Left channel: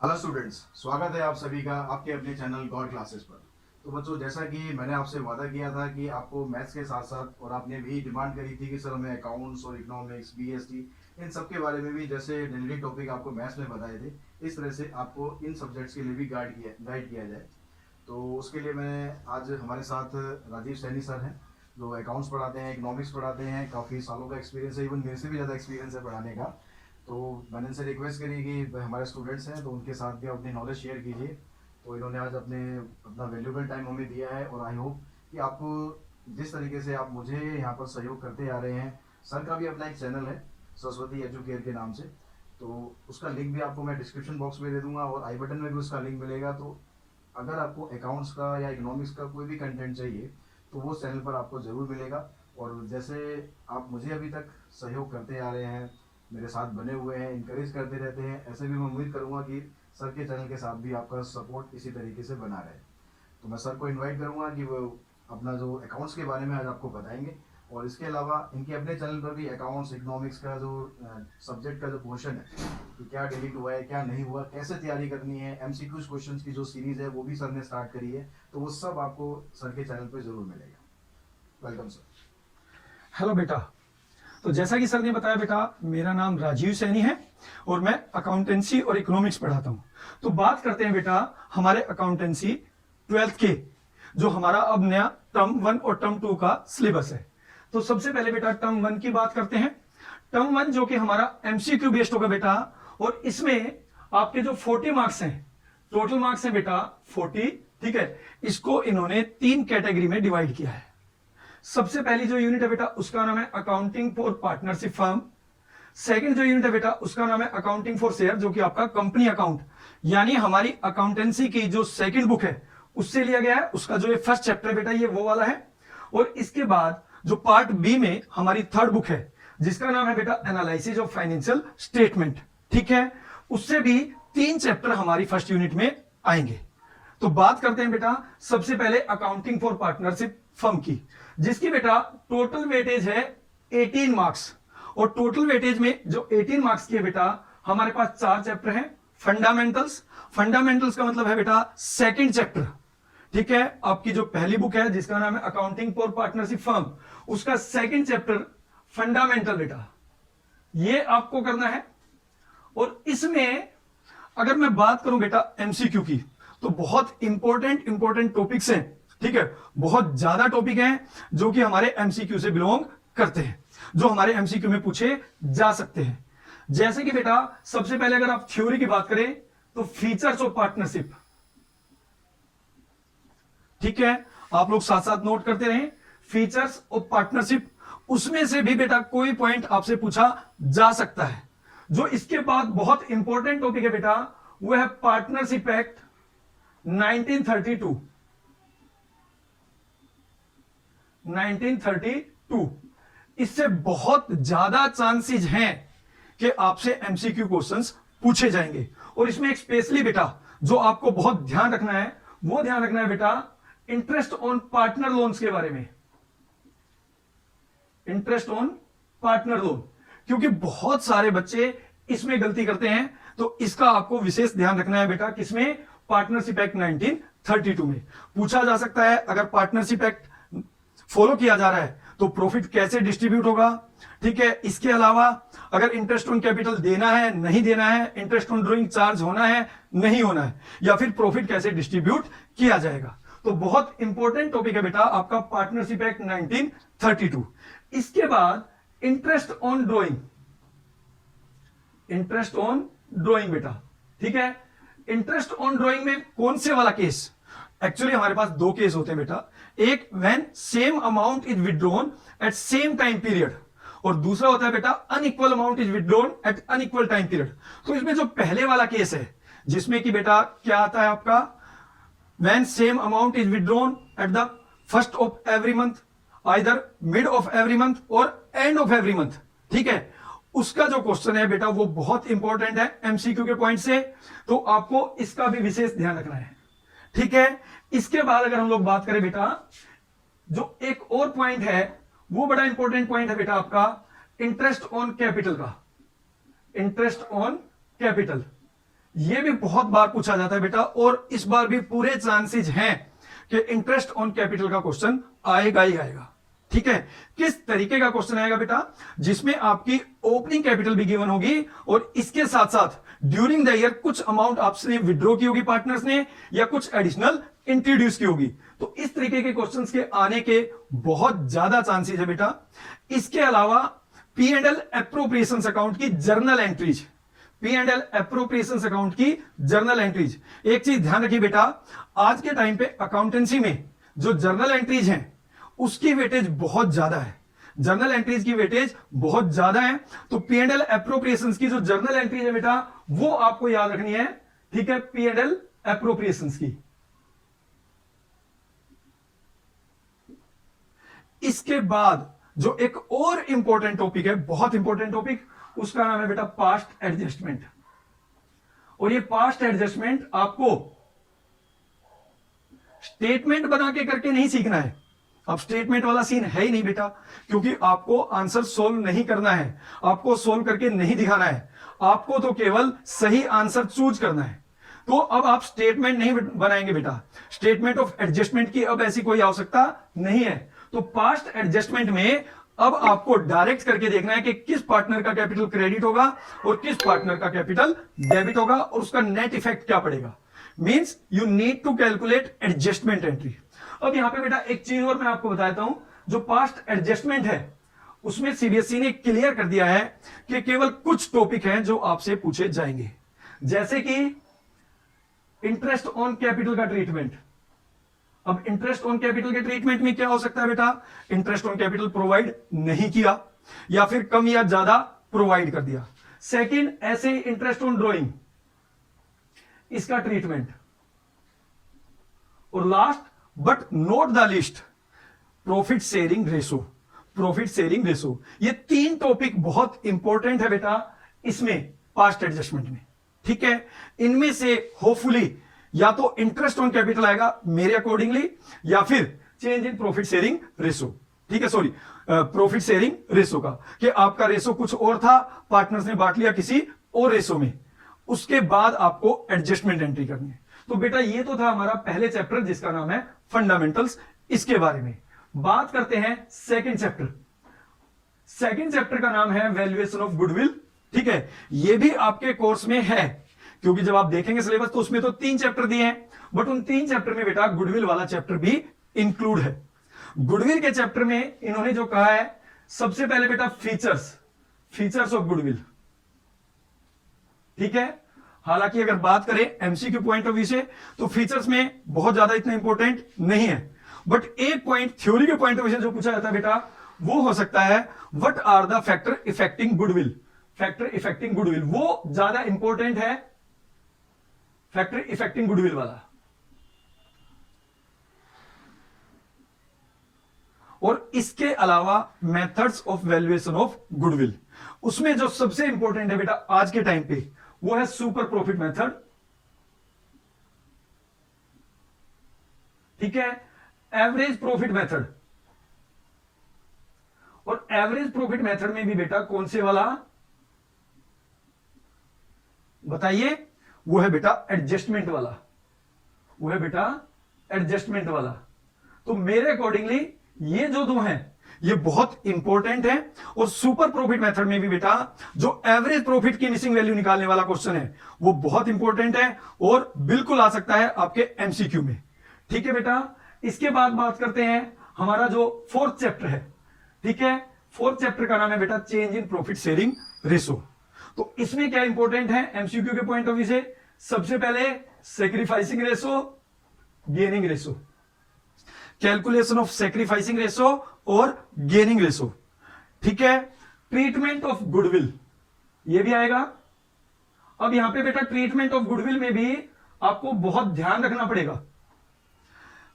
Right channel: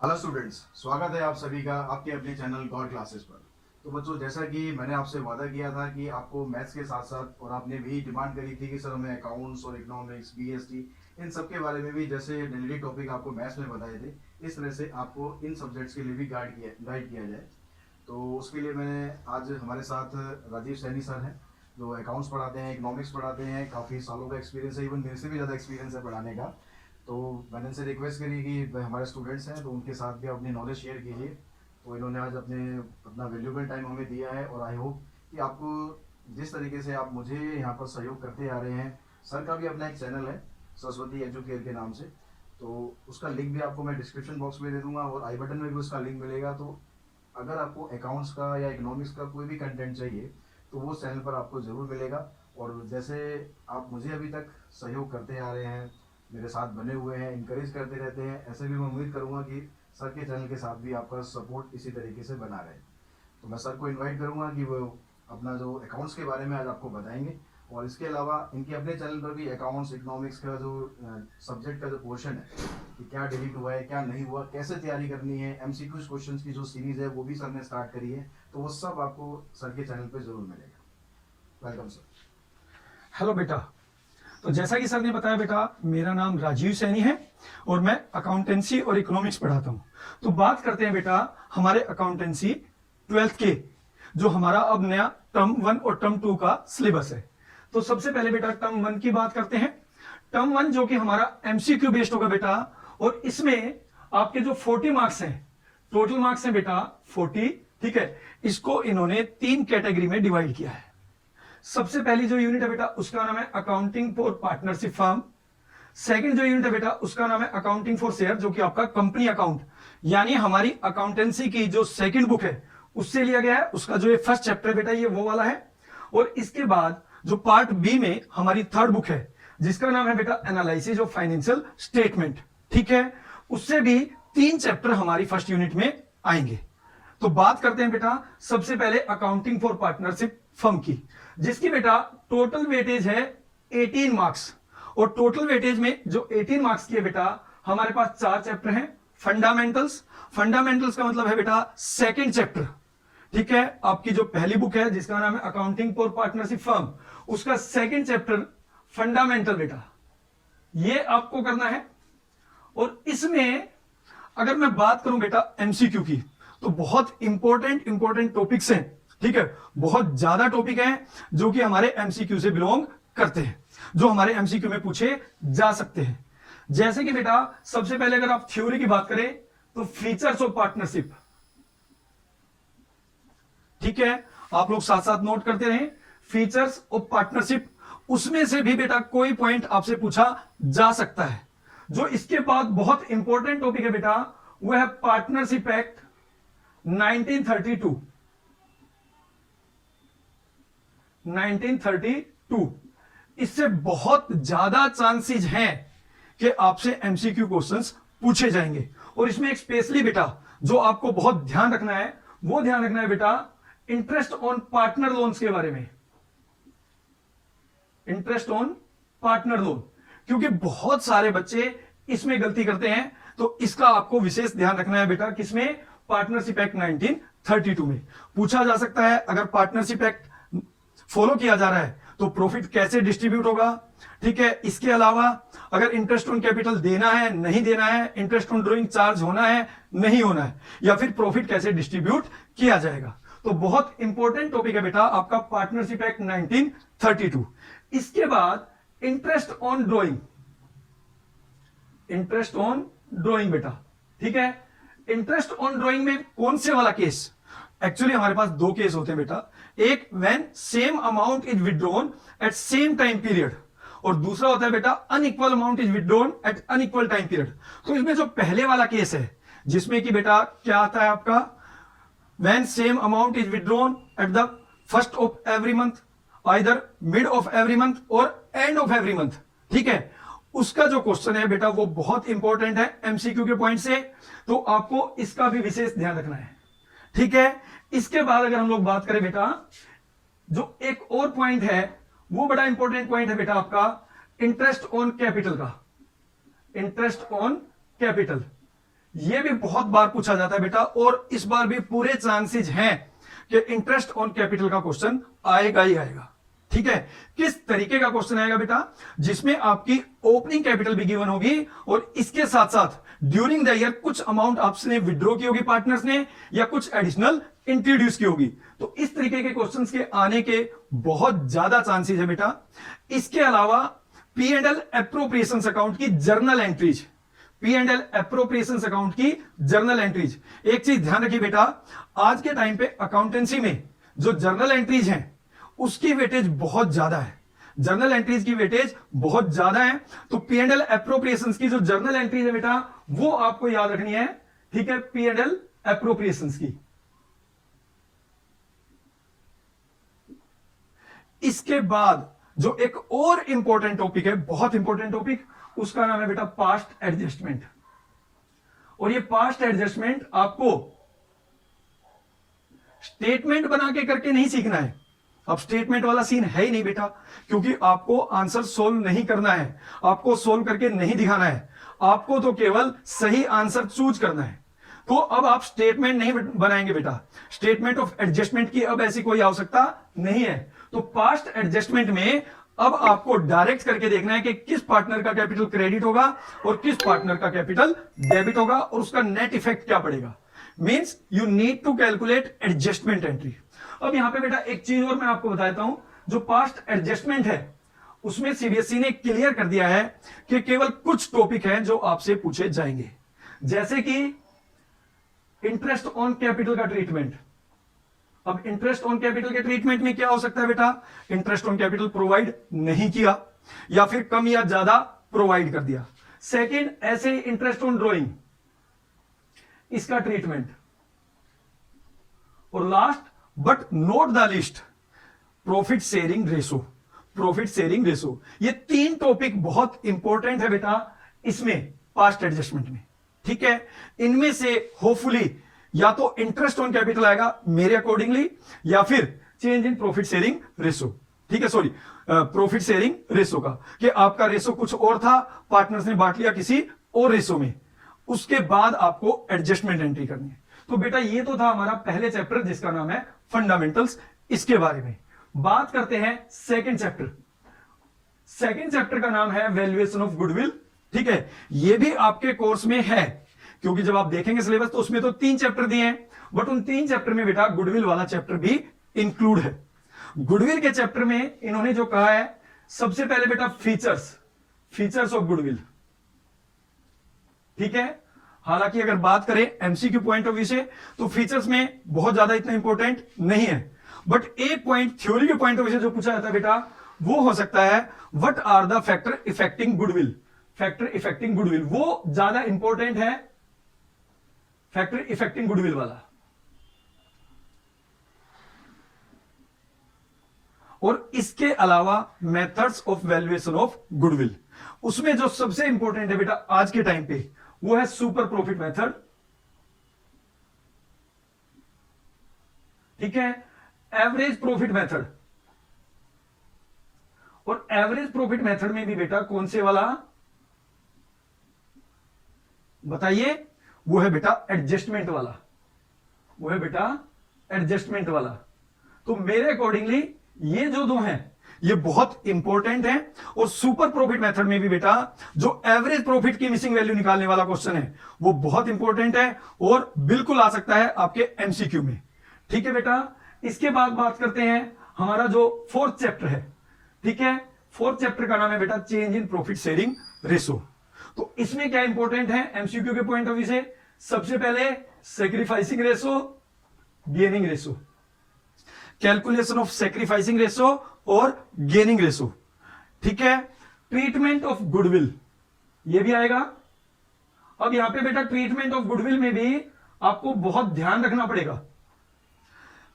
Hello students, स्वागत है आप सभी का आपके अपने चैनल गॉड क्लासेस पर। तो बच्चों, जैसा कि मैंने आपसे वादा किया था कि आपको मैथ्स के साथ साथ और आपने भी डिमांड करी थी कि सर हमें अकाउंट्स और इकोनॉमिक्स बीएसटी इन सब के बारे में भी जैसे डेली टॉपिक आपको मैथ्स में बताए थे, इस तरह से आपको इन सब्जेक्ट्स के लिए भी गाइड किया जाए। तो उसके लिए मैं आज हमारे साथ राजीव सैनी सर हैं, जो अकाउंट्स पढ़ाते हैं, इकोनॉमिक्स पढ़ाते हैं। काफ़ी सालों का एक्सपीरियंस है, इवन मेरे से भी ज़्यादा एक्सपीरियंस है पढ़ाने का। तो मैंने इनसे रिक्वेस्ट करी कि हमारे स्टूडेंट्स हैं तो उनके साथ भी अपनी नॉलेज शेयर कीजिए। तो इन्होंने आज अपना वैल्यूबल टाइम हमें दिया है, और आई होप कि आपको जिस तरीके से आप मुझे यहाँ पर सहयोग करते आ रहे हैं। सर का भी अपना एक चैनल है, सरस्वती एजुकेयर के नाम से, तो उसका लिंक भी आपको मैं डिस्क्रिप्शन बॉक्स में दे दूंगा और आई बटन में भी उसका लिंक मिलेगा। तो अगर आपको अकाउंट्स का या इकोनॉमिक्स का कोई भी कंटेंट चाहिए तो वो चैनल पर आपको ज़रूर मिलेगा। और जैसे आप मुझे अभी तक सहयोग करते आ रहे हैं, मेरे साथ बने हुए हैं, इंकरेज करते रहते हैं, ऐसे भी मैं उम्मीद करूंगा कि सर के चैनल के साथ भी आपका सपोर्ट इसी तरीके से बना रहे। तो मैं सर को इनवाइट करूंगा कि वो अपना जो अकाउंट्स के बारे में आज आपको बताएंगे। और इसके अलावा इनके अपने चैनल पर भी अकाउंट्स इकोनॉमिक्स का जो सब्जेक्ट का जो पोर्शन है कि क्या डिलीट हुआ है, क्या नहीं हुआ, कैसे तैयारी करनी है, एमसीक्यूज क्वेश्चंस की जो सीरीज है वो भी सर ने स्टार्ट करी है। तो वो सब आपको सर के चैनल पर जरूर मिलेगा। Welcome sir. हेलो बेटा। तो जैसा कि सर ने बताया बेटा, मेरा नाम राजीव सैनी है और मैं अकाउंटेंसी और इकोनॉमिक्स पढ़ाता हूं। तो बात करते हैं बेटा हमारे अकाउंटेंसी 12th के, जो हमारा अब नया टर्म 1 और टर्म 2 का सिलेबस है। तो सबसे पहले बेटा टर्म 1 की बात करते हैं। टर्म 1 जो कि हमारा एमसीक्यू बेस्ड होगा बेटा, और इसमें आपके जो 40 मार्क्स हैं, टोटल मार्क्स हैं बेटा 40। ठीक है, इसको इन्होंने 3 कैटेगरी में डिवाइड किया है। सबसे पहली जो यूनिट है बेटा उसका नाम है accounting for partnership firm. Second जो यूनिट है बेटा उसका नाम है अकाउंटिंग फॉर शेयर, जो कि आपका कंपनी अकाउंट, यानी हमारी अकाउंटेंसी की जो सेकंड बुक है उससे लिया गया है। उसका जो ये फर्स्ट चैप्टर बेटा ये वो वाला है। और इसके बाद जो पार्ट बी में हमारी थर्ड बुक है जिसका नाम है बेटा एनालिसिस ऑफ फाइनेंशियल स्टेटमेंट। ठीक है, उससे भी 3 चैप्टर हमारी फर्स्ट यूनिट में आएंगे। तो बात करते हैं बेटा सबसे पहले अकाउंटिंग फॉर पार्टनरशिप फर्म की, जिसकी बेटा टोटल वेटेज है 18 मार्क्स। और टोटल वेटेज में जो 18 मार्क्स की है बेटा, हमारे पास 4 चैप्टर हैं। फंडामेंटल्स, फंडामेंटल्स का मतलब है बेटा सेकंड चैप्टर। ठीक है, आपकी जो पहली बुक है जिसका नाम है अकाउंटिंग फॉर पार्टनरशिप फर्म, उसका सेकंड चैप्टर फंडामेंटल बेटा, ये आपको करना है। और इसमें अगर मैं बात करूं बेटा एमसीक्यू की, तो बहुत इंपॉर्टेंट टॉपिक्स हैं। ठीक है, बहुत ज्यादा टॉपिक हैं जो कि हमारे एमसीक्यू से बिलोंग करते हैं, जो हमारे एमसीक्यू में पूछे जा सकते हैं। जैसे कि बेटा सबसे पहले अगर आप थ्योरी की बात करें तो फीचर्स ऑफ पार्टनरशिप। ठीक है, आप लोग साथ साथ नोट करते रहें, फीचर्स ऑफ पार्टनरशिप। उसमें से भी बेटा कोई पॉइंट आपसे पूछा जा सकता है। जो इसके बाद बहुत इंपॉर्टेंट टॉपिक है बेटा, वो है पार्टनरशिप एक्ट 1932। 1932 इससे बहुत ज्यादा चांसेस हैं कि आपसे एमसीक्यू क्वेश्चंस पूछे जाएंगे। और इसमें एक स्पेशली बेटा जो आपको बहुत ध्यान रखना है, वो ध्यान रखना है बेटा इंटरेस्ट ऑन पार्टनर लोन्स के बारे में। इंटरेस्ट ऑन पार्टनर लोन, क्योंकि बहुत सारे बच्चे इसमें गलती करते हैं। तो इसका आपको विशेष ध्यान रखना है बेटा, किसमें? पार्टनरशिप एक्ट 1932 में पूछा जा सकता है। अगर पार्टनरशिप एक्ट फॉलो किया जा रहा है तो प्रॉफिट कैसे डिस्ट्रीब्यूट होगा। ठीक है, इसके अलावा अगर इंटरेस्ट ऑन कैपिटल देना है नहीं देना है, इंटरेस्ट ऑन ड्रॉइंग चार्ज होना है नहीं होना है, या फिर प्रॉफिट कैसे डिस्ट्रीब्यूट किया जाएगा। तो बहुत इंपॉर्टेंट टॉपिक है बेटा आपका पार्टनरशिप एक्ट 1932। इसके बाद interest on drawing, interest on drawing बेटा। ठीक है, इंटरेस्ट ऑन ड्रॉइंग में कौन से वाला केस? एक्चुअली हमारे पास 2 केस होते हैं बेटा, एक when same amount is withdrawn at same time period, और दूसरा होता है बेटा unequal amount is withdrawn at unequal time period. तो इसमें जो पहले वाला केस है जिसमें कि बेटा क्या आता है आपका, when same amount is withdrawn at the first of every month, either mid of every month और एंड ऑफ एवरी मंथ। ठीक है, उसका जो क्वेश्चन है बेटा वो बहुत इंपॉर्टेंट है एमसीक्यू के पॉइंट से, तो आपको इसका भी विशेष ध्यान रखना है। ठीक है, इसके बाद अगर हम लोग बात करें बेटा, जो एक और पॉइंट है वो बड़ा इंपॉर्टेंट पॉइंट है बेटा आपका इंटरेस्ट ऑन कैपिटल का। इंटरेस्ट ऑन कैपिटल, ये भी बहुत बार पूछा जाता है बेटा, और इस बार भी पूरे चांसेस हैं कि इंटरेस्ट ऑन कैपिटल का क्वेश्चन आएगा ही आएगा। ठीक है, किस तरीके का क्वेश्चन आएगा बेटा, जिसमें आपकी ओपनिंग कैपिटल भी गिवन होगी और इसके साथ साथ ड्यूरिंग द ईयर कुछ अमाउंट आपने विड्रॉ की होगी पार्टनर्स ने, या कुछ एडिशनल इंट्रोड्यूस की होगी। तो इस तरीके के क्वेश्चंस के आने के बहुत ज्यादा चांसेस है बेटा। इसके अलावा P and L appropriations account की journal entries, P and L appropriations account की जर्नल एंट्रीज। एक चीज ध्यान रखिए बेटा, आज के टाइम पे अकाउंटेंसी में जो जर्नल एंट्रीज हैं उसकी वेटेज बहुत ज्यादा है, जर्नल एंट्रीज की वेटेज बहुत ज्यादा है। तो पी एंड एल एप्रोप्रिएशंस की जो जर्नल एंट्रीज है बेटा वो आपको याद रखनी है। ठीक है, पी एंड एल एप्रोप्रिएशंस की। इसके बाद जो एक और इंपॉर्टेंट टॉपिक है, बहुत इंपॉर्टेंट टॉपिक, उसका नाम है बेटा पास्ट एडजस्टमेंट। और ये पास्ट एडजस्टमेंट आपको स्टेटमेंट बना के करके नहीं सीखना है। अब स्टेटमेंट वाला सीन है ही नहीं बेटा, क्योंकि आपको आंसर सोल्व नहीं करना है, आपको सोल्व करके नहीं दिखाना है, आपको तो केवल सही आंसर चूज करना है। तो अब आप स्टेटमेंट नहीं बनाएंगे बेटा, स्टेटमेंट ऑफ एडजस्टमेंट की अब ऐसी कोई आवश्यकता नहीं है। तो पास्ट एडजस्टमेंट में अब आपको डायरेक्ट करके देखना है कि किस पार्टनर का कैपिटल क्रेडिट होगा और किस पार्टनर का कैपिटल डेबिट होगा और उसका नेट इफेक्ट क्या पड़ेगा। Means you need to calculate adjustment entry. अब यहां पे बेटा एक चीज और मैं आपको बताता हूं, जो पास्ट एडजस्टमेंट है उसमें सीबीएसई ने क्लियर कर दिया है कि केवल कुछ टॉपिक हैं जो आपसे पूछे जाएंगे, जैसे कि इंटरेस्ट ऑन कैपिटल का ट्रीटमेंट। अब इंटरेस्ट ऑन कैपिटल के ट्रीटमेंट में क्या हो सकता है बेटा, इंटरेस्ट ऑन कैपिटल प्रोवाइड नहीं किया या फिर कम या ज्यादा प्रोवाइड कर दिया। सेकंड, ऐसे इंटरेस्ट ऑन ड्रॉइंग, इसका ट्रीटमेंट। और last but not the list, profit sharing ratio, profit sharing ratio. ये तीन टॉपिक बहुत इंपॉर्टेंट है बेटा इसमें पास्ट एडजस्टमेंट में। ठीक है, इनमें से होपफुली या तो इंटरेस्ट ऑन कैपिटल आएगा मेरे अकॉर्डिंगली, या फिर change in profit sharing ratio. ठीक है, सॉरी प्रॉफिट शेयरिंग रेशो का, कि आपका रेशो कुछ और था, पार्टनर्स ने बांट लिया किसी और रेशो में, उसके बाद आपको एडजस्टमेंट एंट्री करनी है। तो बेटा ये तो था हमारा पहले चैप्टर जिसका नाम है फंडामेंटल्स। इसके बारे में बात करते हैं सेकंड चैप्टर। सेकंड चैप्टर का नाम है वैल्यूएशन ऑफ गुडविल। ठीक है, ये भी आपके कोर्स में है, क्योंकि जब आप देखेंगे सिलेबस तो उसमें तो 3 चैप्टर दिए हैं, बट उन 3 चैप्टर में बेटा गुडविल वाला चैप्टर भी इंक्लूड है। गुडविल के चैप्टर में इन्होंने जो कहा है, सबसे पहले बेटा फीचर्स, फीचर्स ऑफ गुडविल। ठीक है, हालांकि अगर बात करें एमसीक्यू पॉइंट ऑफ व्यू से तो फीचर्स में बहुत ज्यादा इतना इंपॉर्टेंट नहीं है, बट एक पॉइंट थ्योरी के पॉइंट ऑफ व्यू से जो पूछा जाता है बेटा वो हो सकता है what are the factor affecting goodwill. Factor affecting goodwill वो ज्यादा इंपॉर्टेंट है, फैक्टर इफेक्टिंग गुडविल वाला। और इसके अलावा methods of valuation of goodwill, उसमें जो सबसे इंपॉर्टेंट है बेटा आज के टाइम पे वो है सुपर प्रॉफिट मेथड। ठीक है, एवरेज प्रॉफिट मेथड। और एवरेज प्रॉफिट मेथड में भी बेटा कौन से वाला बताइए, वो है बेटा एडजस्टमेंट वाला, वो है बेटा एडजस्टमेंट वाला। तो मेरे अकॉर्डिंगली ये जो दो हैं ये बहुत इंपॉर्टेंट है। और सुपर प्रॉफिट मेथड में भी बेटा जो एवरेज प्रॉफिट की मिसिंग वैल्यू निकालने वाला क्वेश्चन है वो बहुत इंपॉर्टेंट है और बिल्कुल आ सकता है आपके एमसीक्यू में। ठीक है बेटा, इसके बाद बात करते हैं हमारा जो फोर्थ चैप्टर है। ठीक है, फोर्थ चैप्टर का नाम है बेटा change in profit sharing ratio. तो इसमें क्या इंपॉर्टेंट है एमसीक्यू के पॉइंट ऑफ व्यू से, सबसे पहले sacrificing ratio, gaining ratio, calculation of sacrificing ratio और गेनिंग रेशो। ठीक है, ट्रीटमेंट ऑफ गुडविल ये भी आएगा। अब यहां पे बेटा ट्रीटमेंट ऑफ गुडविल में भी आपको बहुत ध्यान रखना पड़ेगा,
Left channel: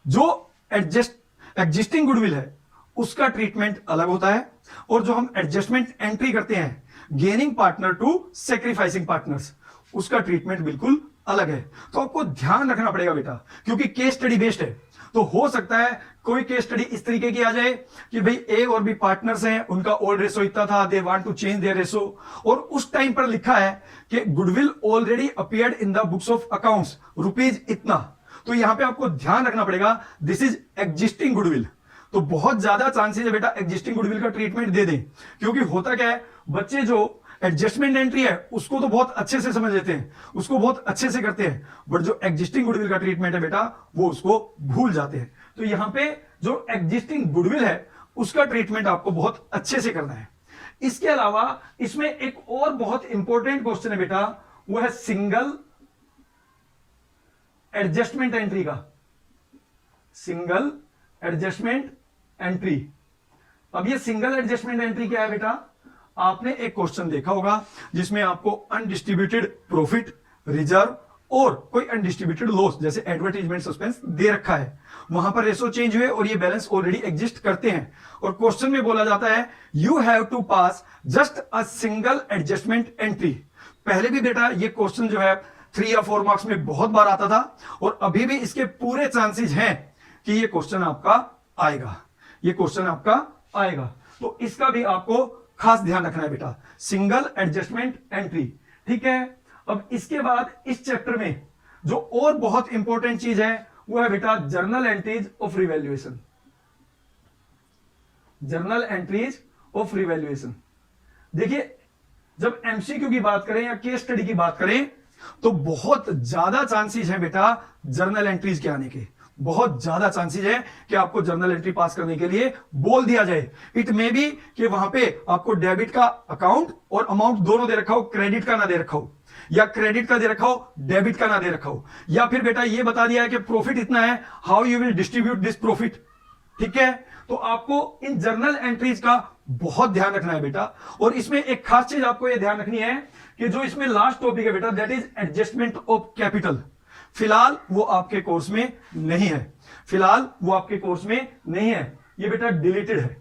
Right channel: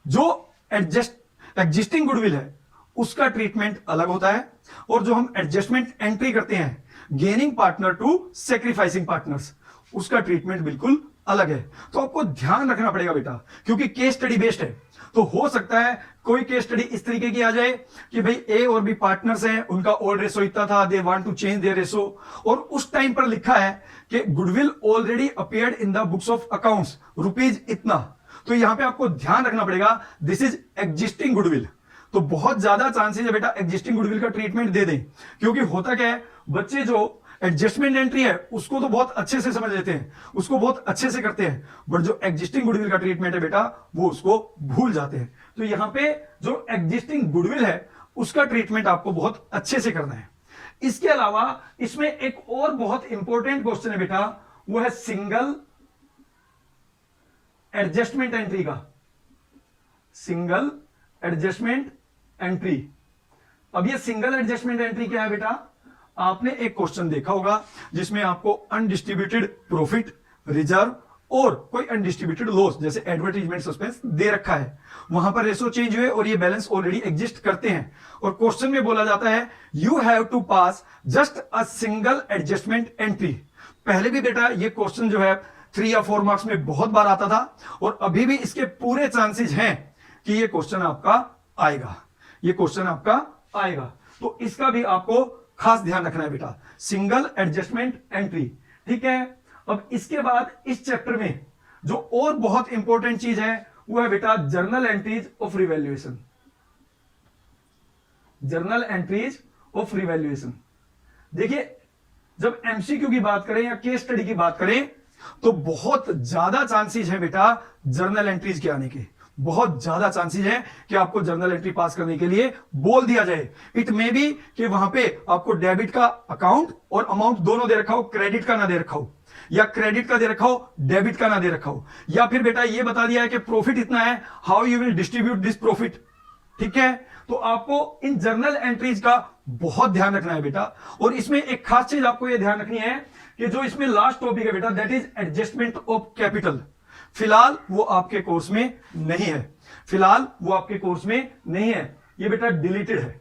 जो एग्जिस्टिंग गुडविल है उसका ट्रीटमेंट अलग होता है, और जो हम एडजस्टमेंट एंट्री करते हैं gaining partner to sacrificing partners, उसका ट्रीटमेंट बिल्कुल अलग है। तो आपको ध्यान रखना पड़ेगा बेटा, क्योंकि केस स्टडी बेस्ड है, तो हो सकता है कोई केस स्टडी इस तरीके की आ जाए कि भाई ए और बी पार्टनर्स हैं, उनका ओल्ड रेशो इतना था, they want to change their ratio, और उस टाइम पर लिखा है कि goodwill already appeared in the books of accounts rupees इतना, तो यहां पे आपको ध्यान रखना पड़ेगा दिस इज एग्जिस्टिंग गुडविल। तो बहुत ज्यादा चांसेस है बेटा एग्जिस्टिंग गुडविल का ट्रीटमेंट दे दें, क्योंकि होता क्या है, बच्चे जो एडजस्टमेंट एंट्री है उसको तो बहुत अच्छे से समझ लेते हैं, उसको बहुत अच्छे से करते हैं, बट जो एग्जिस्टिंग गुडविल का ट्रीटमेंट है बेटा वो उसको भूल जाते हैं। तो यहां पे जो एग्जिस्टिंग गुडविल है उसका ट्रीटमेंट आपको बहुत अच्छे से करना है। इसके अलावा इसमें एक और बहुत इंपॉर्टेंट क्वेश्चन है बेटा, वो है सिंगल एडजस्टमेंट एंट्री का, सिंगल एडजस्टमेंट एंट्री। अब ये सिंगल एडजस्टमेंट एंट्री क्या है बेटा, आपने एक क्वेश्चन देखा होगा जिसमें आपको अनडिस्ट्रीब्यूटेड प्रॉफिट, रिजर्व और कोई अनडिस्ट्रीब्यूटेड लॉस जैसे एडवर्टाइजमेंट सस्पेंस दे रखा है, वहां पर रेशो चेंज हुए और ये बैलेंस ऑलरेडी एग्जिस्ट करते हैं, और क्वेश्चन में बोला जाता है you have to pass just a single adjustment entry. पहले भी बेटा ये क्वेश्चन जो है 3 या 4 मार्क्स में बहुत बार आता था, और अभी भी इसके पूरे चांसेस हैं कि ये क्वेश्चन आपका आएगा, ये क्वेश्चन आपका आएगा। तो इसका भी आपको खास ध्यान रखना है बेटा, सिंगल एडजस्टमेंट एंट्री, ठीक है। अब इसके बाद इस चैप्टर में जो और बहुत इंपॉर्टेंट चीज है वो है बेटा journal entries of revaluation, journal entries of revaluation. देखिए जब एमसीक्यू की बात करें या केस स्टडी की बात करें तो बहुत ज्यादा चांसेस है बेटा जर्नल एंट्रीज के आने के, बहुत ज्यादा चांसेस है कि आपको जर्नल एंट्री पास करने के लिए बोल दिया जाए। इट मे बी कि वहां पे आपको डेबिट का अकाउंट और अमाउंट दोनों दे रखा हो, क्रेडिट का ना दे रखा हो, या क्रेडिट का दे रखा हो डेबिट का ना दे रखा हो, या फिर बेटा ये बता दिया है कि प्रॉफिट इतना है, how you will distribute this profit, ठीक है। तो आपको इन जर्नल एंट्रीज का बहुत ध्यान रखना है बेटा, और इसमें एक खास चीज आपको यह ध्यान रखनी है कि जो इसमें लास्ट टॉपिक है बेटा that is adjustment of capital. फिलहाल वो आपके कोर्स में नहीं है, फिलहाल वो आपके कोर्स में नहीं है, ये बेटा डिलीटेड है,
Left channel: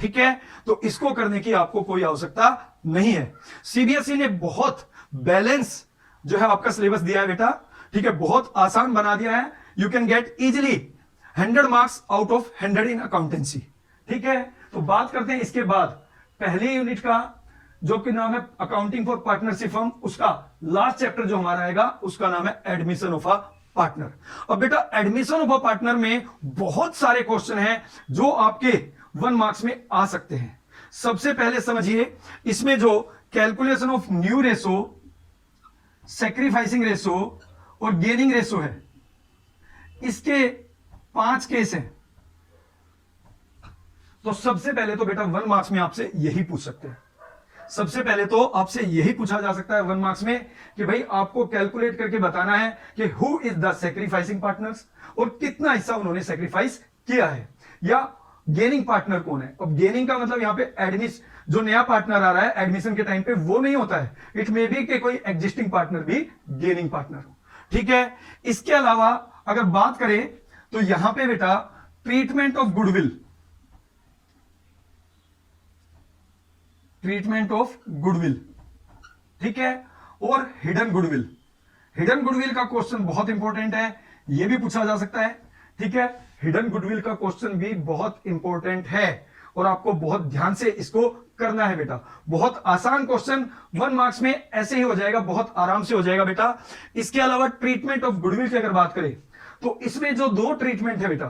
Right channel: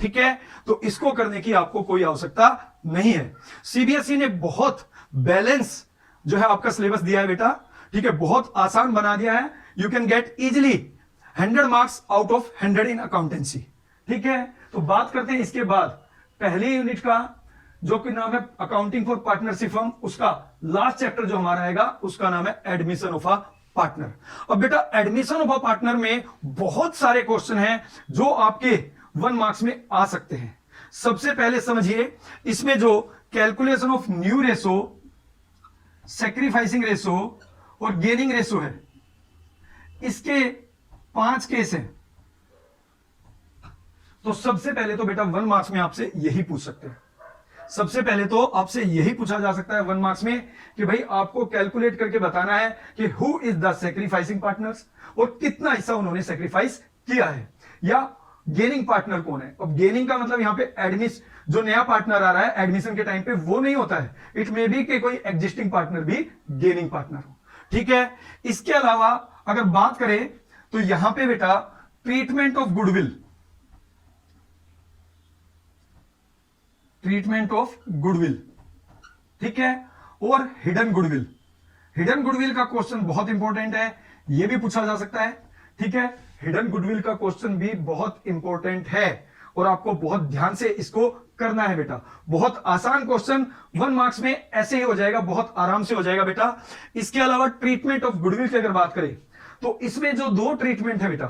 ठीक है। तो इसको करने की आपको कोई आवश्यकता नहीं है। सीबीएसई ने बहुत बैलेंस जो है आपका सिलेबस दिया है बेटा, ठीक है, बहुत आसान बना दिया है। You can get easily 100 marks out of 100 in accountancy, ठीक है। तो बात करते हैं इसके बाद पहले यूनिट का जो कि नाम है अकाउंटिंग फॉर पार्टनरशिप फर्म, उसका लास्ट चैप्टर जो हमारा आएगा उसका नाम है एडमिशन ऑफ अ पार्टनर। अब बेटा एडमिशन ऑफ अ पार्टनर में बहुत सारे क्वेश्चन हैं जो आपके 1 मार्क्स में आ सकते हैं। सबसे पहले समझिए इसमें जो calculation of new ratio, sacrificing ratio और गेनिंग रेशो है, इसके 5 केस हैं। तो सबसे पहले तो बेटा 1 मार्क्स में आपसे यही पूछ सकते हैं, सबसे पहले तो आपसे यही पूछा जा सकता है 1 मार्क्स में कि भाई आपको कैलकुलेट करके बताना है कि who is the sacrificing partners, और कितना हिस्सा उन्होंने सैक्रिफाइस किया है, या गेनिंग पार्टनर कौन है। अब गेनिंग का मतलब यहां पे एडमिशन, जो नया पार्टनर आ रहा है एडमिशन के टाइम पे वो नहीं होता है, इट मे बी कि कोई एग्जिस्टिंग पार्टनर भी गेनिंग पार्टनर हो, ठीक है। इसके अलावा अगर बात करें तो यहां पे बेटा treatment of goodwill, treatment of goodwill, ठीक है, और हिडन गुडविल। हिडन गुडविल का क्वेश्चन बहुत इंपॉर्टेंट है, यह भी पूछा जा सकता है, ठीक है। हिडन गुडविल का क्वेश्चन भी बहुत इंपॉर्टेंट है और आपको बहुत ध्यान से इसको करना है बेटा। बहुत आसान क्वेश्चन 1 मार्क्स में ऐसे ही हो जाएगा, बहुत आराम से हो जाएगा बेटा। इसके अलावा ट्रीटमेंट ऑफ गुडविल की अगर बात करें तो इसमें जो 2 ट्रीटमेंट है बेटा,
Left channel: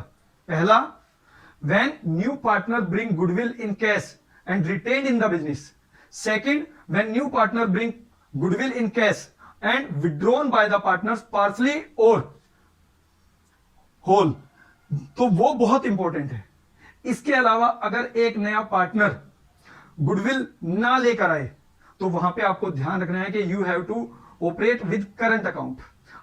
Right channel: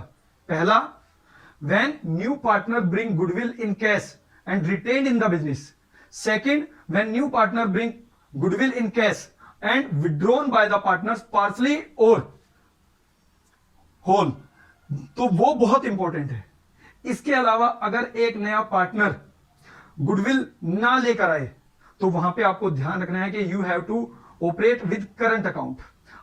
पहला when new partner bring goodwill in cash and retained in the business. Second, when new partner bring goodwill in cash and withdrawn by the partners partially or whole. तो वो बहुत इंपॉर्टेंट है। इसके अलावा अगर एक नया पार्टनर गुडविल ना लेकर आए तो वहां पे आपको ध्यान रखना है कि you have to operate with current account,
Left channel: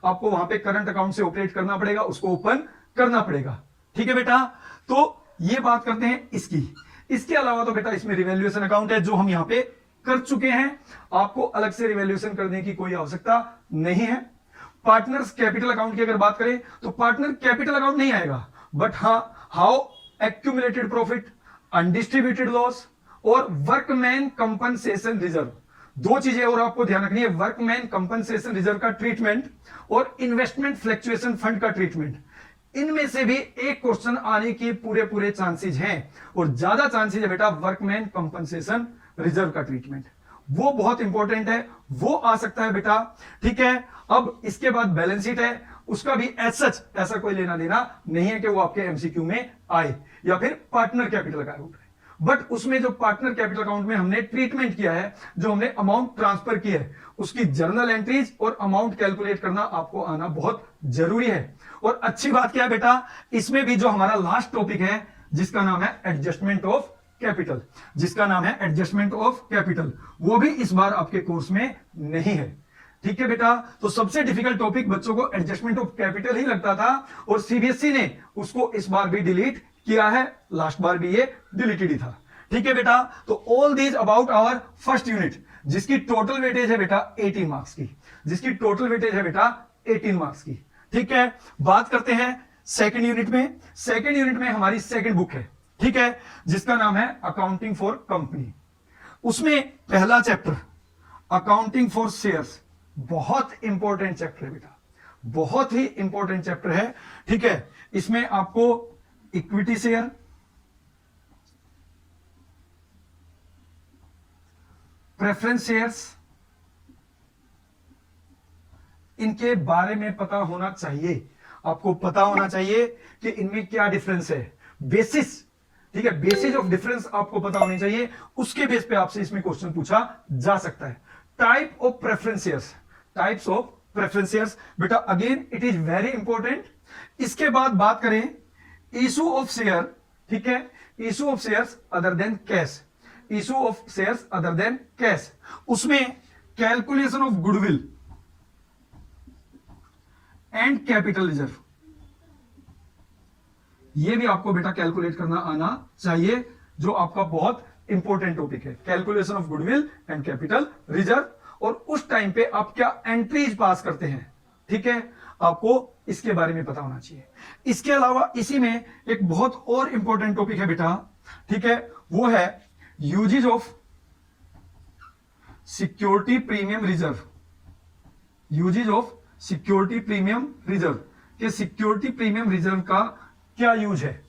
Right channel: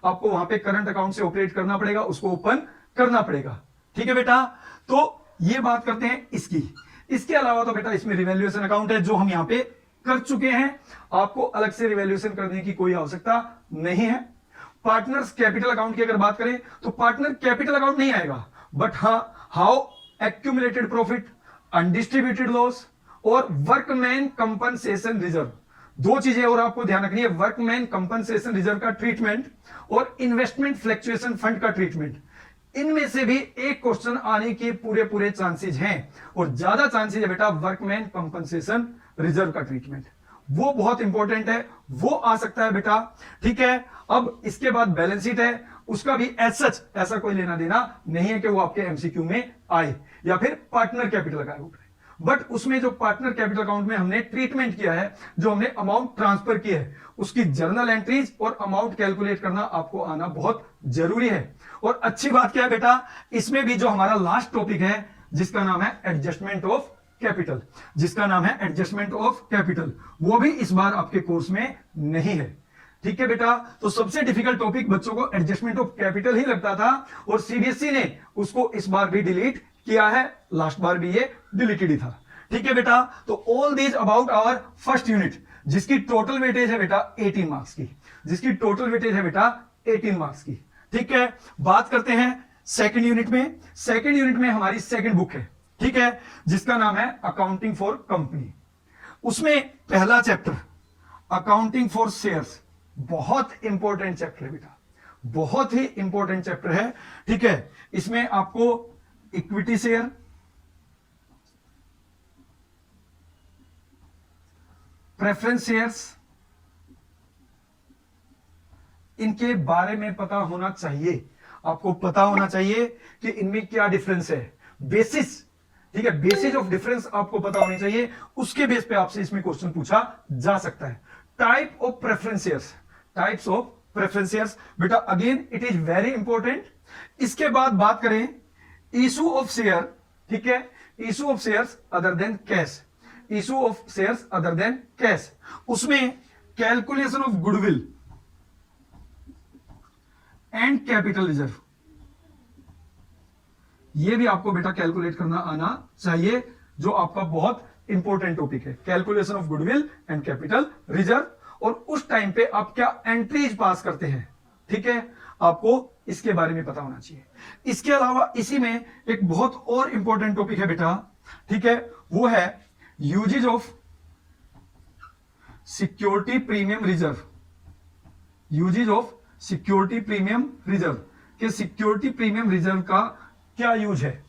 आपको वहां पे करंट अकाउंट से ऑपरेट करना पड़ेगा, उसको ओपन करना पड़ेगा, ठीक है बेटा। तो ये बात करते हैं इसकी। इसके अलावा तो बेटा इसमें रिवैल्यूएशन अकाउंट है जो हम यहां पे कर चुके हैं, आपको अलग से रिवैल्यूएशन करने की कोई आवश्यकता नहीं है। पार्टनर्स कैपिटल अकाउंट की अगर बात करें तो पार्टनर कैपिटल अकाउंट नहीं आएगा, बट हाँ how accumulated profit, undistributed loss और वर्कमैन कंपनसेशन रिजर्व, 2 चीजें और आपको ध्यान रखनी है, वर्कमैन कंपनसेशन रिजर्व का ट्रीटमेंट और इन्वेस्टमेंट फ्लक्चुएशन फंड का ट्रीटमेंट। इनमें से भी एक क्वेश्चन आने के पूरे पूरे चांसेस हैं, और ज्यादा चांसेस है बेटा वर्कमैन कंपनसेशन रिजर्व का ट्रीटमेंट, वो बहुत इंपॉर्टेंट है, वो आ सकता है बेटा। ठीक है, अब इसके बाद बैलेंस शीट है, उसका भी एज सच ऐसा कोई लेना देना नहीं है कि वो आपके एमसीक्यू में आए, या फिर पार्टनर कैपिटल अकाउंट है, बट उसमें जो पार्टनर कैपिटल अकाउंट में हमने ट्रीटमेंट किया है, जो हमने अमाउंट ट्रांसफर की है, उसकी जर्नल एंट्रीज और अमाउंट कैलकुलेट करना आपको आना बहुत जरूरी है। और अच्छी बात क्या है बेटा, इसमें भी जो हमारा लास्ट टॉपिक है जिसका नाम है एडजस्टमेंट ऑफ कैपिटल, जिसका नाम है एडजस्टमेंट ऑफ कैपिटल, वो भी इस बार आपके कोर्स में नहीं है। ठीक है बेटा, तो सबसे डिफिकल्ट टॉपिक बच्चों को एडजस्टमेंट ऑफ कैपिटल ही लगता था, और सीबीएसई ने उसको इस बार भी डिलीट किया है, लास्ट बार भी ये डिलीटेड ही था। ठीक है बेटा, तो all these about our first unit, जिसकी टोटल वेटेज है बेटा 18 मार्क्स की, जिसकी टोटल वेटेज है बेटा 18 मार्क्स की। ठीक है, बात करते हैं सेकंड यूनिट में। सेकंड यूनिट में हमारी सेकंड बुक है, ठीक है, जिसका नाम है अकाउंटिंग फॉर कंपनी। उसमें पहला चैप्टर अकाउंटिंग फॉर शेयर्स, बहुत इंपॉर्टेंट चैप्टर है बेटा, बहुत ही इंपॉर्टेंट चैप्टर है। ठीक है, इसमें आपको इक्विटी शेयर, प्रेफरेंस शेयर्स, इनके बारे में पता होना चाहिए, आपको पता होना चाहिए कि इनमें क्या डिफरेंस है, बेसिस। ठीक है, बेसिस ऑफ डिफरेंस आपको पता होनी चाहिए, उसके बेस पे आपसे इसमें क्वेश्चन पूछा जा सकता है। Type of preference shares, types of preference shares बेटा, again it is very important. इसके बाद बात करें इशू ऑफ शेयर, ठीक है, issue of shares other than cash, issue of shares other than cash, उसमें calculation of goodwill and capital reserve, ये भी आपको बेटा कैलकुलेट करना आना चाहिए, जो आपका बहुत इंपॉर्टेंट टॉपिक है, calculation of goodwill and capital reserve, और उस टाइम पे आप क्या एंट्रीज पास करते हैं। ठीक है, आपको इसके बारे में पता होना चाहिए। इसके अलावा इसी में एक बहुत और इंपॉर्टेंट टॉपिक है बेटा, ठीक है, वो है usages of security premium reserve, usages of security premium reserve, के सिक्योरिटी प्रीमियम रिजर्व का क्या यूज है,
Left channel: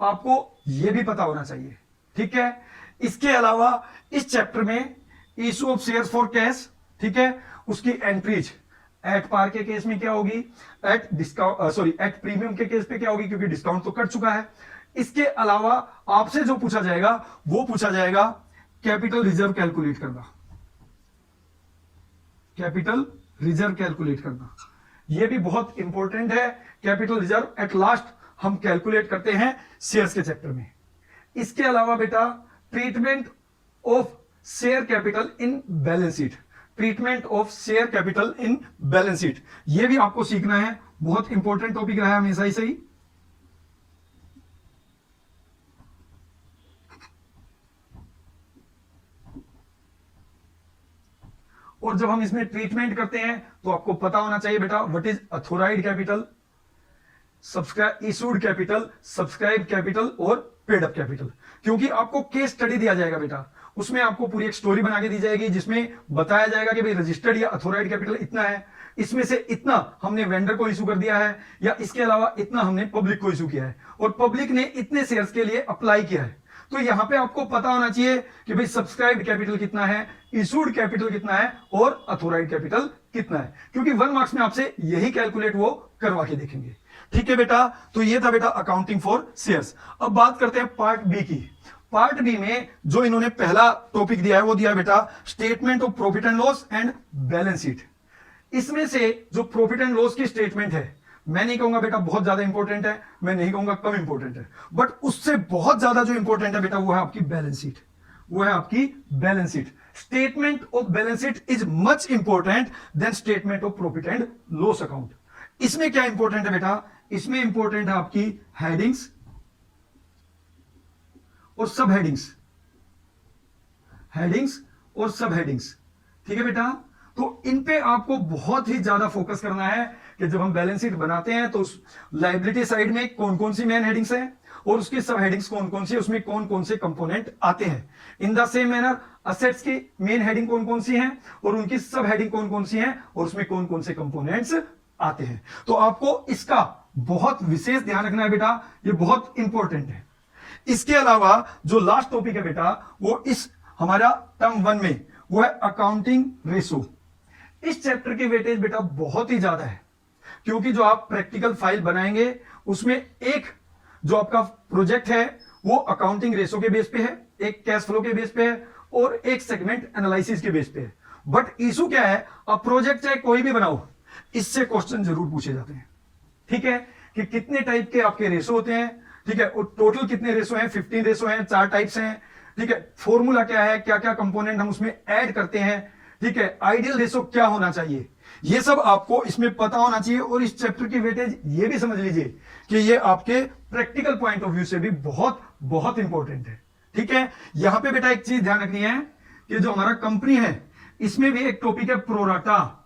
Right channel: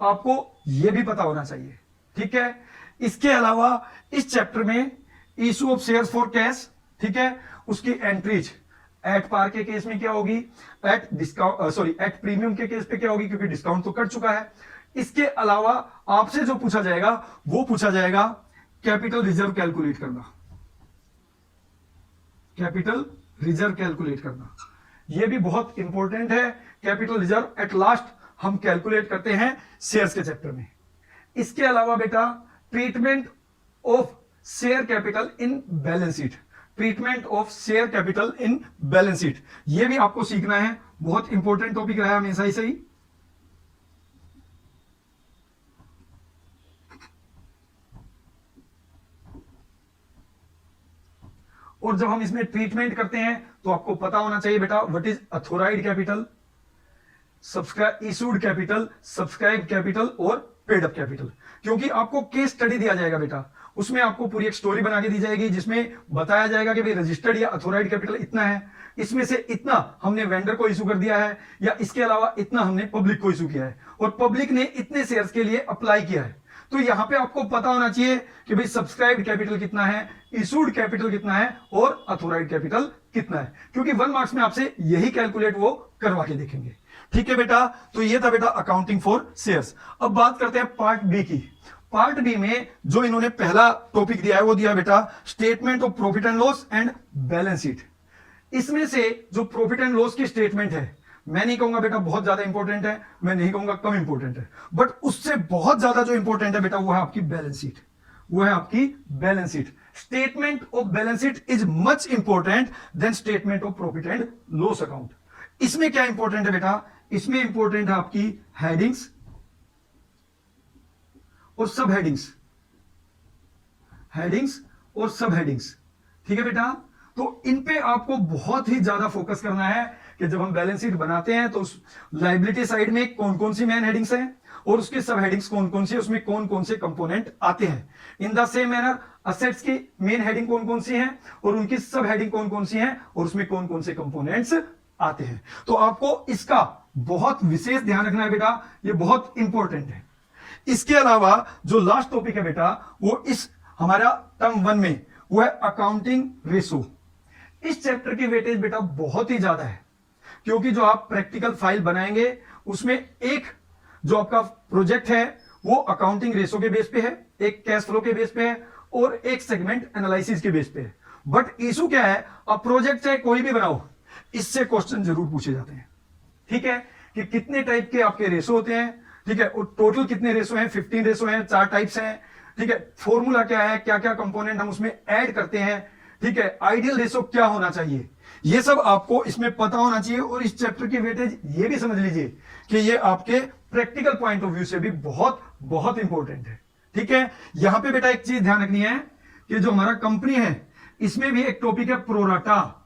आपको यह भी पता होना चाहिए। ठीक है, इसके अलावा इस चैप्टर में issue of shares for cash, ठीक है, उसकी एंट्रीज एट पार के केस में क्या होगी, at discount sorry at premium के केस पे क्या होगी, क्योंकि डिस्काउंट तो कट चुका है। इसके अलावा आपसे जो पूछा जाएगा वो पूछा जाएगा कैपिटल रिजर्व कैलकुलेट करना, कैपिटल रिजर्व कैलकुलेट करना, यह भी बहुत इंपॉर्टेंट है। कैपिटल रिजर्व एट लास्ट हम कैलकुलेट करते हैं शेयर्स के चैप्टर में। इसके अलावा बेटा treatment of share capital in balance sheet, treatment of share capital in balance sheet, यह भी आपको सीखना है, बहुत इंपॉर्टेंट टॉपिक रहा है हमेशा ही सही। और जब हम इसमें ट्रीटमेंट करते हैं तो आपको पता होना चाहिए बेटा what is authorised capital, subscribe issued capital, subscribe capital और पेड अप कैपिटल, क्योंकि आपको केस स्टडी दिया जाएगा बेटा, उसमें आपको पूरी एक स्टोरी बना के दी जाएगी जिसमें बताया जाएगा कि भाई रजिस्टर्ड या अथोराइड कैपिटल इतना है, इसमें से इतना हमने वेंडर को इशू कर दिया है, या इसके अलावा इतना हमने पब्लिक को इशू किया है, और पब्लिक ने इतने शेयर्स के लिए अप्लाई किया है। तो यहां पे आपको पता होना चाहिए कि भाई सब्सक्राइब्ड कैपिटल कितना है, इशूड कैपिटल कितना है और अथोराइड कैपिटल कितना है, क्योंकि 1 मार्क्स में आपसे यही कैलकुलेट वो करवा के देखेंगे। ठीक है बेटा, तो ये था बेटा अकाउंटिंग फॉर शेयर्स। अब बात करते हैं पार्ट बी की। पार्ट बी में जो इन्होंने पहला टॉपिक दिया है वो दिया बेटा statement of profit and loss and balance sheet. इसमें से जो प्रॉफिट एंड लॉस की स्टेटमेंट है, मैं नहीं कहूंगा बेटा बहुत ज्यादा इंपॉर्टेंट है, मैं नहीं कहूंगा कम इंपॉर्टेंट है, बट उससे बहुत ज्यादा जो इंपॉर्टेंट है बेटा वो है आपकी बैलेंस शीट, वो है आपकी balance sheet. Statement of balance sheet is much important than statement of profit and loss account. इसमें क्या इंपॉर्टेंट है बेटा, इसमें इंपॉर्टेंट है आपकी हेडिंग्स और सब हेडिंग्स, हेडिंग्स और सब हेडिंग्स। ठीक है बेटा, तो इन पे आपको बहुत ही ज्यादा फोकस करना है कि जब हम बैलेंस शीट बनाते हैं तो उस लायबिलिटी साइड में कौन कौन सी मेन हेडिंग्स हैं और उसकी सब हेडिंग्स कौन कौन सी, उसमें कौन कौन से कंपोनेंट आते हैं। In the same manner assets की मेन हेडिंग कौन कौन सी है और उनकी सब हेडिंग कौन कौन सी है और उसमें कौन कौन से कंपोनेंट्स आते हैं। तो आपको इसका बहुत विशेष ध्यान रखना है बेटा, ये बहुत इंपॉर्टेंट है। इसके अलावा जो लास्ट टॉपिक है बेटा, वो इस हमारा टर्म 1 में, वो है अकाउंटिंग रेशो। इस चैप्टर की वेटेज बेटा बहुत ही ज्यादा है, क्योंकि जो आप प्रैक्टिकल फाइल बनाएंगे उसमें एक जो आपका प्रोजेक्ट है वो अकाउंटिंग रेशो के बेस पे है, एक कैश फ्लो के बेस पे है और एक सेगमेंट एनालिसिस के बेस पे है। बट इशू क्या है, आप प्रोजेक्ट चाहे कोई भी बनाओ, इससे क्वेश्चन जरूर पूछे जाते हैं। ठीक है, कि कितने टाइप के आपके रेशो होते हैं, ठीक है, और टोटल कितने रेशो हैं, 15 रेशो हैं, 4 टाइप्स हैं, ठीक है, फॉर्मूला क्या है, क्या क्या कंपोनेंट हम उसमें ऐड करते हैं, ठीक है, आइडियल रेशो क्या होना चाहिए, ये सब आपको इसमें पता होना चाहिए। और इस चैप्टर की वेटेज ये भी समझ लीजिए कि ये आपके प्रैक्टिकल पॉइंट ऑफ व्यू से भी बहुत बहुत इंपॉर्टेंट है। ठीक है, यहां पे बेटा एक चीज ध्यान रखनी है कि जो हमारा कंपनी है इसमें भी एक टॉपिक है pro rata,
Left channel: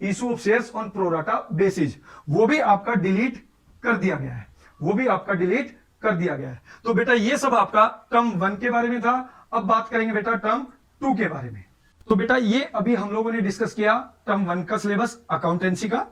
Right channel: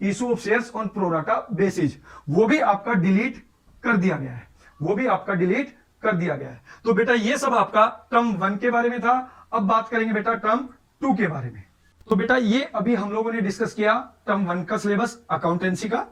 issue of shares on pro rata basis, वो भी आपका डिलीट कर दिया गया है, वो भी आपका डिलीट कर दिया गया है। तो बेटा ये सब आपका टर्म 1 के बारे में था। अब बात करेंगे बेटा टर्म 2 के बारे में। तो बेटा ये अभी हम लोगों ने डिस्कस किया टर्म 1 का सिलेबस अकाउंटेंसी का।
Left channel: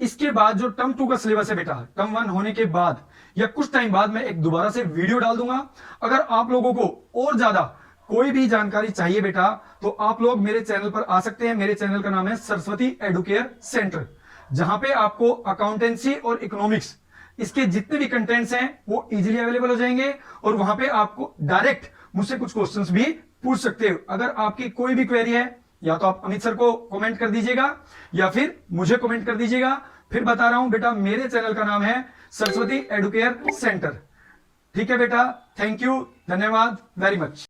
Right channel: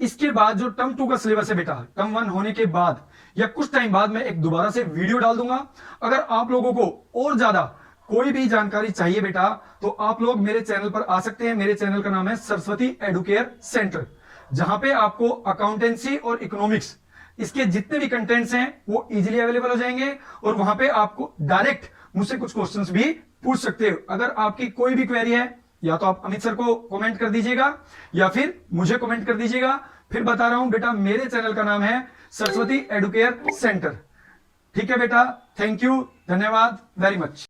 इसके बाद जो टर्म 2 का सिलेबस है बेटा, टर्म 1 होने के बाद या कुछ टाइम बाद मैं एक दोबारा से वीडियो डाल दूंगा। अगर आप लोगों को और ज्यादा कोई भी जानकारी चाहिए बेटा, तो आप लोग मेरे चैनल पर आ सकते हैं। मेरे चैनल का नाम है सरस्वती एडुकेयर सेंटर, जहां पे आपको अकाउंटेंसी और इकोनॉमिक्स इसके जितने भी कंटेंट्स हैं वो इजीली अवेलेबल हो जाएंगे, और वहां पे आपको डायरेक्ट मुझसे कुछ क्वेश्चंस भी पूछ सकते हो। अगर आपकी कोई भी क्वेरी है, या तो आप अमित सर को कमेंट कर दीजिएगा या फिर मुझे कमेंट कर दीजिएगा। फिर बता रहा हूं बेटा, मेरे चैनल का नाम है सरस्वती एडुकेयर सेंटर। ठीक है बेटा, थैंक यू, धन्यवाद वेरी मच।